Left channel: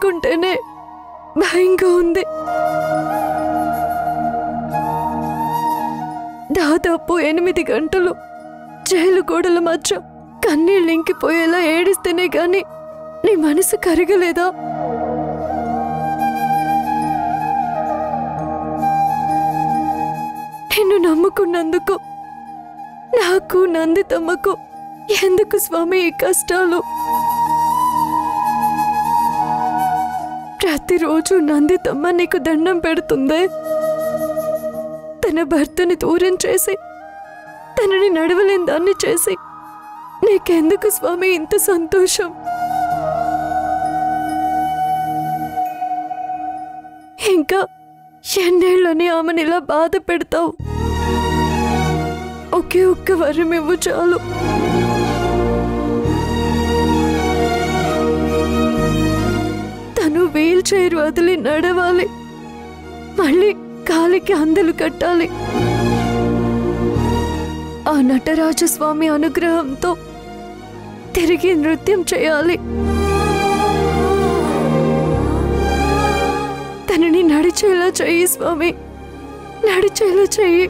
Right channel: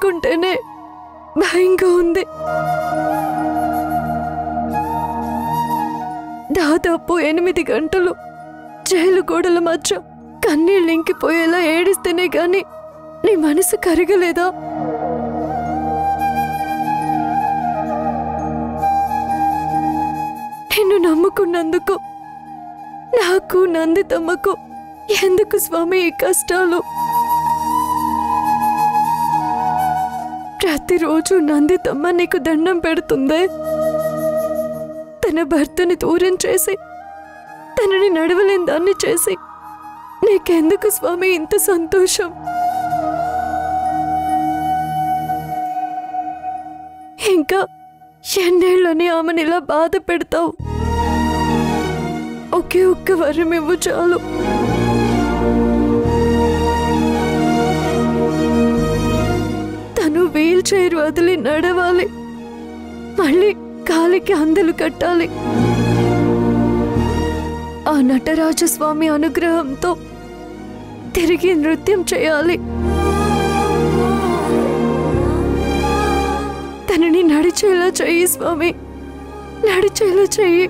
తలుచుకుంటేనే భయంగా ఉంది. దాదాపు 8 గంటలు జైలు గోడల మధ్య కన్నీళ్ళు ఇంకిపోయేలా ఏడిస్తేనే గాని నీ మనసు కరగలేదా? నిన్ను నమ్ముకున్నందుకు నాకు నందితమ్మకు ఎందుకు స్వామి ఈ కష్టాలు? ప్రతిరోజు నందితమ్మ నీకు దండం పెడుతుందే. తన భర్తని దూరం చేసి తనని నడవలేని దాన్ని చేసి నీకెందుకు స్వామి ఇంత సంతోషం? ఇంకా ఎన్నేళ్ళని ఆమెను ఇలా బాధ పెడతావు? ఒకే ఒక్క వరం ఇవ్వు చాలు. తను వీల్ చైర్ వదిలి నడవాలి, మళ్ళీ కాలికి అందలు కట్టాలి. ఆ నటరాజస్వామి అనుగ్రహంతో తిరిగి నృత్యం చేయాలి. తనని నడిచేలా చెయ్యి స్వామి, నడిచేలా చెయ్యి.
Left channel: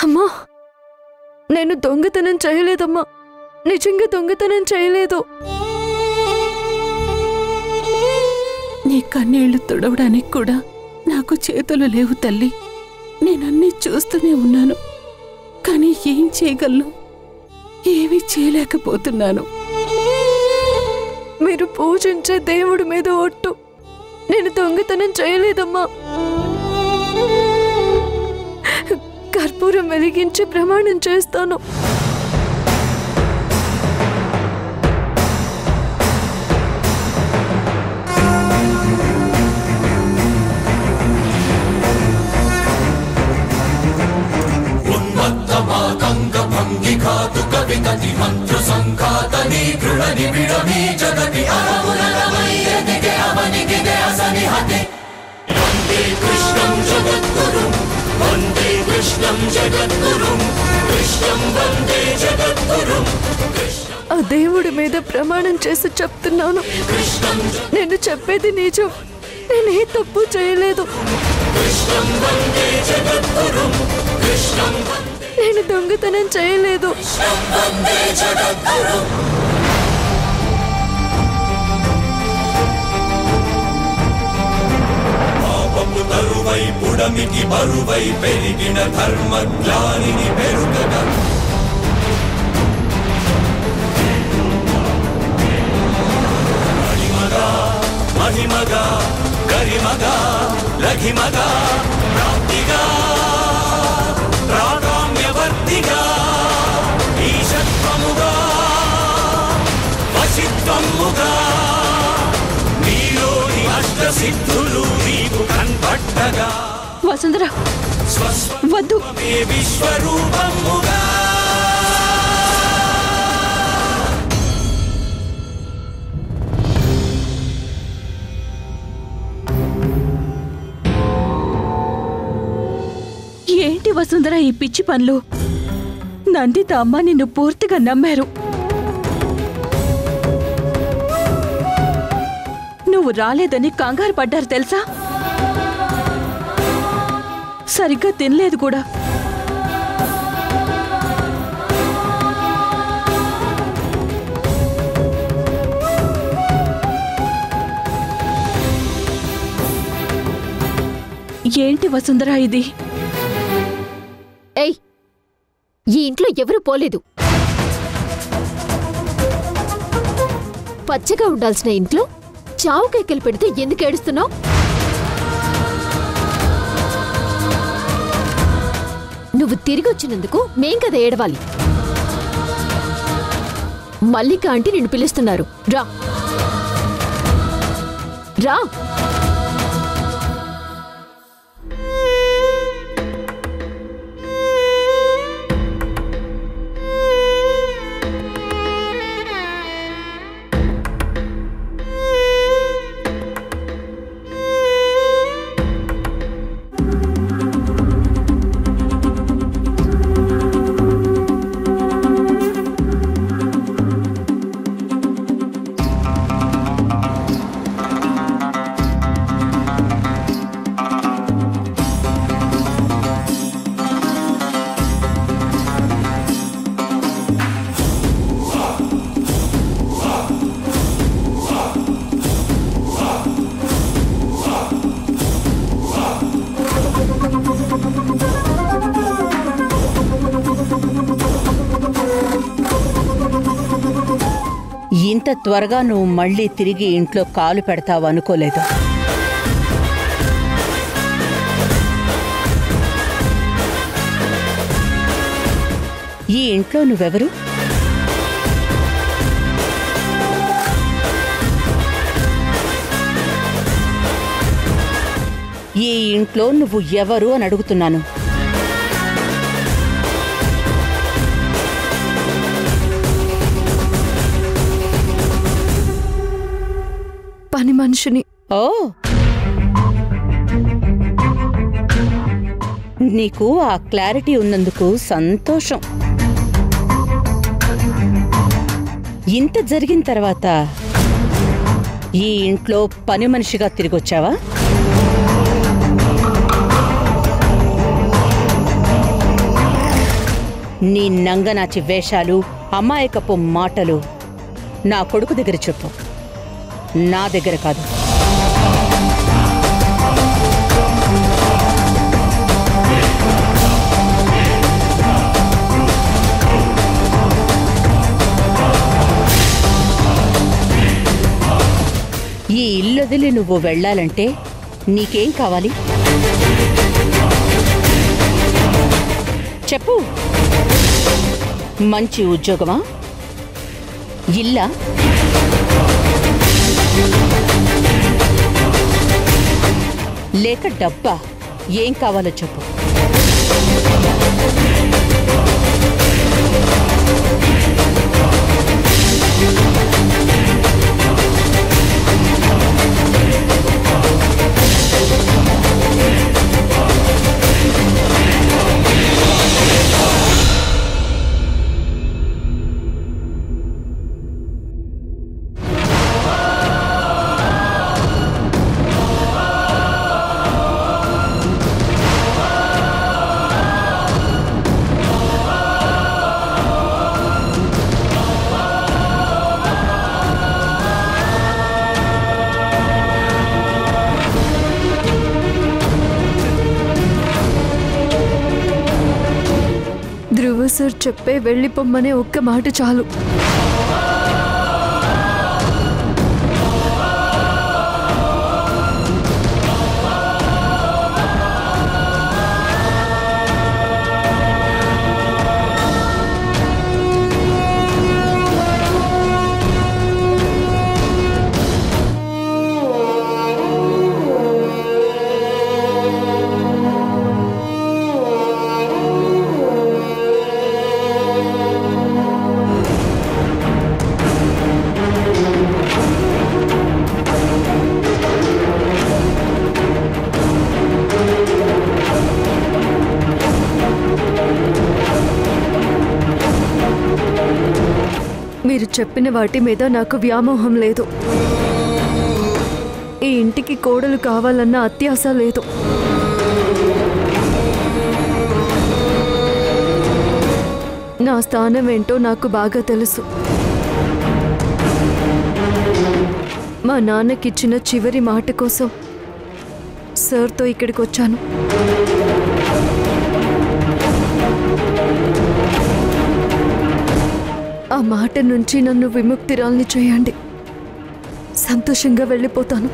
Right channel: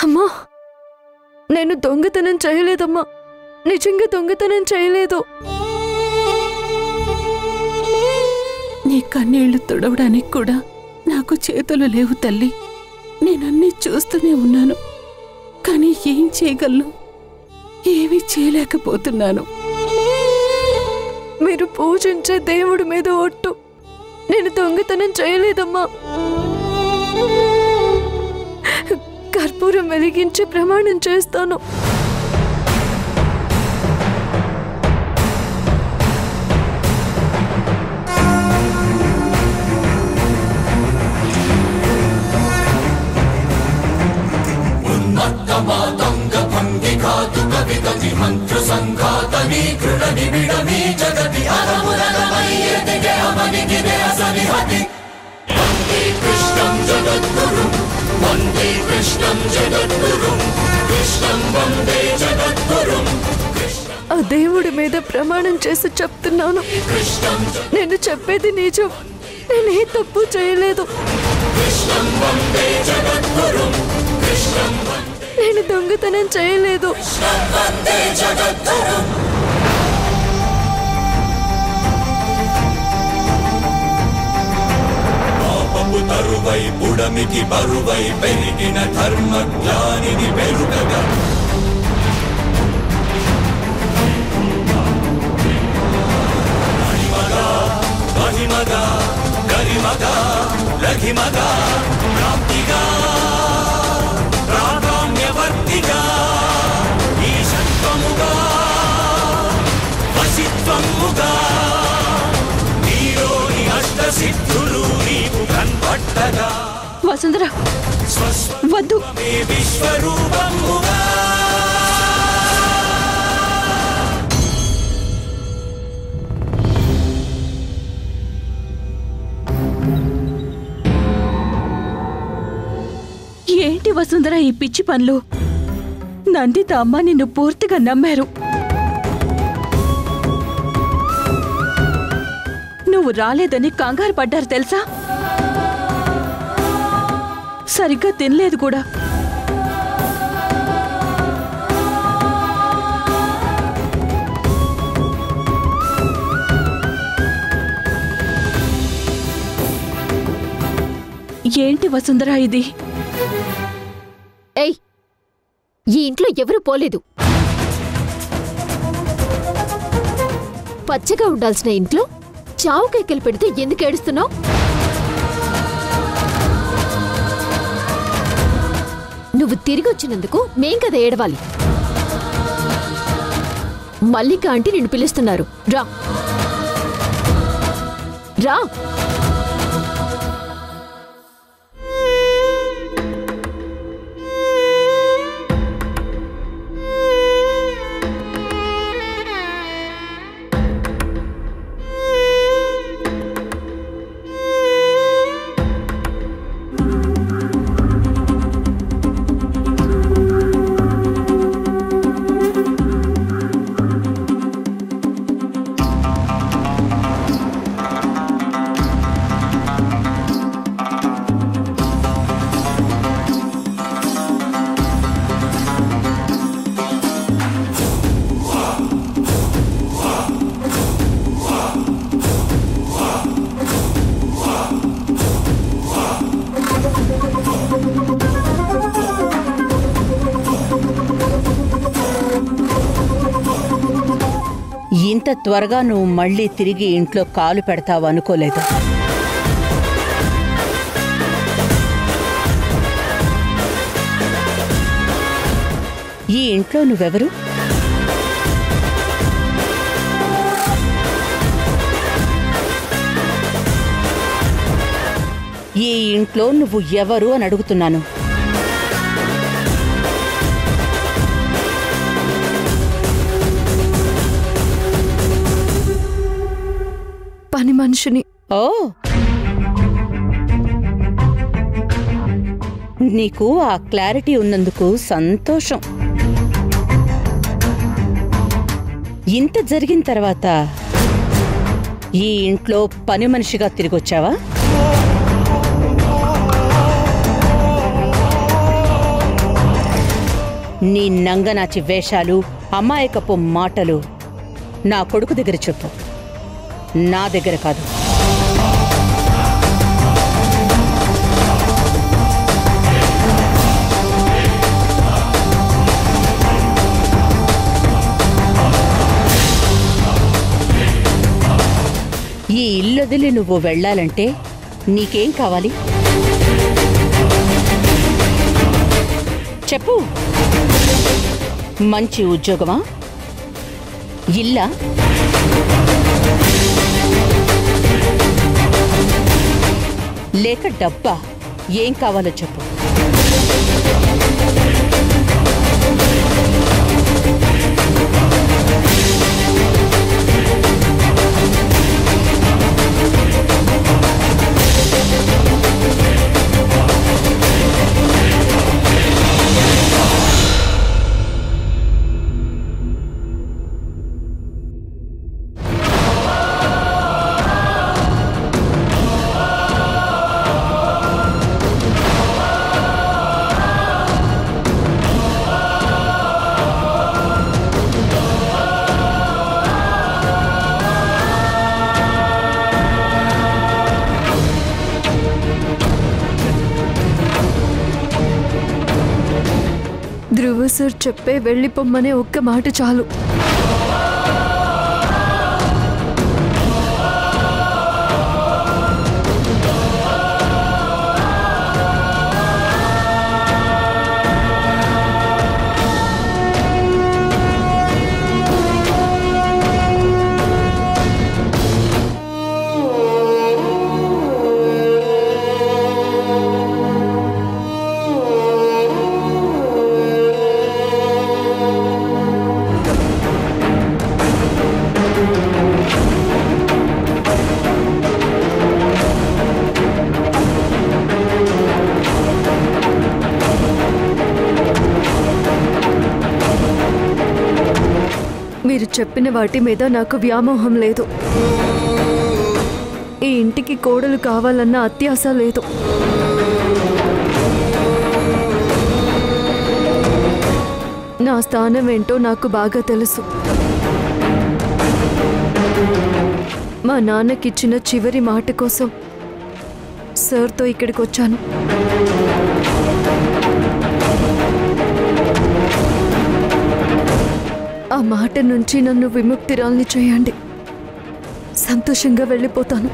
అమ్మా, నేను దొంగతనం చేయలేదమ్మా, నిజంగా దొంగతనం చేయలేదు. నీ కన్నీళ్లు తుడవడానికి కూడా నాకు చేతులు లేవు తల్లి. నేనన్నీ చూస్తూనే ఉన్నాను, కానీ ఏం చేయగలను? ఏమీ చేయలేకపోతున్నాను. మీరు పూజించే దేవుడి మీద ఒట్టు, నేను దొంగతనం చేయలేదమ్మా. కర్పూరం వెలిగించి ప్రమాణం చేస్తాను. ఆ దేవుడి మీద ప్రమాణం చేసి చెప్తున్నాను, నేను చెప్పేది నిజం. నేనే తప్పు చేయలేదు. నేను దొంగతనం చేయలేదు. బరువై పుడమికి బరువై పెరిగిన ధర్మజ్ఞానిని పెరుగగా మణిమగా మహిమగా గరిమగా లఘిమగా ప్రాప్తిగా ప్రాగామ్యవర్తిగా ఈశత్వముగా వశిత్వముగా నీలోని అష్టసిద్ధులు నీకు కన్పట్టగా వసుంధర వద్దు. విశ్వరూపముగా ఏంటి వసుంధర ఈ పిచ్చి పనులు? నందిత అమ్మ నిన్ను పూర్తిగా నమ్మారు. నువ్వు రాలేదని కంగారు పడ్డారు తెలుసా? సరిగ్గా తినలేదు కూడా. ఏంటి వసుంధర ఇది? ఏయ్, ఈ ఇంట్లో ఎవరూ పోలేదు. పచ్చగా ఉండాల్సిన ఇంట్లో చావు కేకలు పెడితే ఎందుకు ఏడుస్తున్నావు? నువ్వు తిరిగి వచ్చినందుకు మేం కదా ఏడవాలి. మల్లిక ఆంటీ నిన్ను పిలుస్తున్నారు, రా రా. ఇంత త్వరగా నువ్వు మళ్ళీ తిరిగి ఇంట్లో కాలు పెడతావు అనుకోలేదు. ఈ ఇంట్లో నువ్వెవరు? ఈ ఇంట్లో నువ్వు ఎవరు అని అడుగుతున్నాను. పని మనిషిని. ఓ, నీకు ఆ క్లారిటీ ఉన్నందుకు సంతోషం. ఇంత జరిగిన తర్వాత ఈ ఇంట్లో పని మనిషిగా తిరిగొచ్చావా? నీ నంగనాచి వేషాలు, అమాయకపు మాటలు నా కొడుకు దగ్గర చెప్పు, నా దగ్గర కాదు. ఈ ఇల్లొదిలి నువ్వు వెళ్ళాలంటే నీకేం కావాలి చెప్పు. మంచి ఉద్యోగమా? ఇల్లా? లేక డబ్బా? ఏం కావాలో చెప్పు. ధ్రువ సార్ చెప్పే వెళ్ళిపోమ్మనే ఒక్క మాట చాలు. మీరు చెప్పిన వాటి మీద నాకు వ్యామోహం లేదు. ఈ ఇంటికి కోడలు కావాలన్న అత్యాశ లేదు. నా స్థానం ఏంటో నాకు బాగా తెలుసు. మా నాన్నకిచ్చిన చివరి మాట కోసం సార్తో ఇక్కడికి వచ్చాను. ఆ మాట నుంచి నన్ను విముక్తిరాల్ని చేయండి. సంతోషంగా వెళ్ళిపోతాను.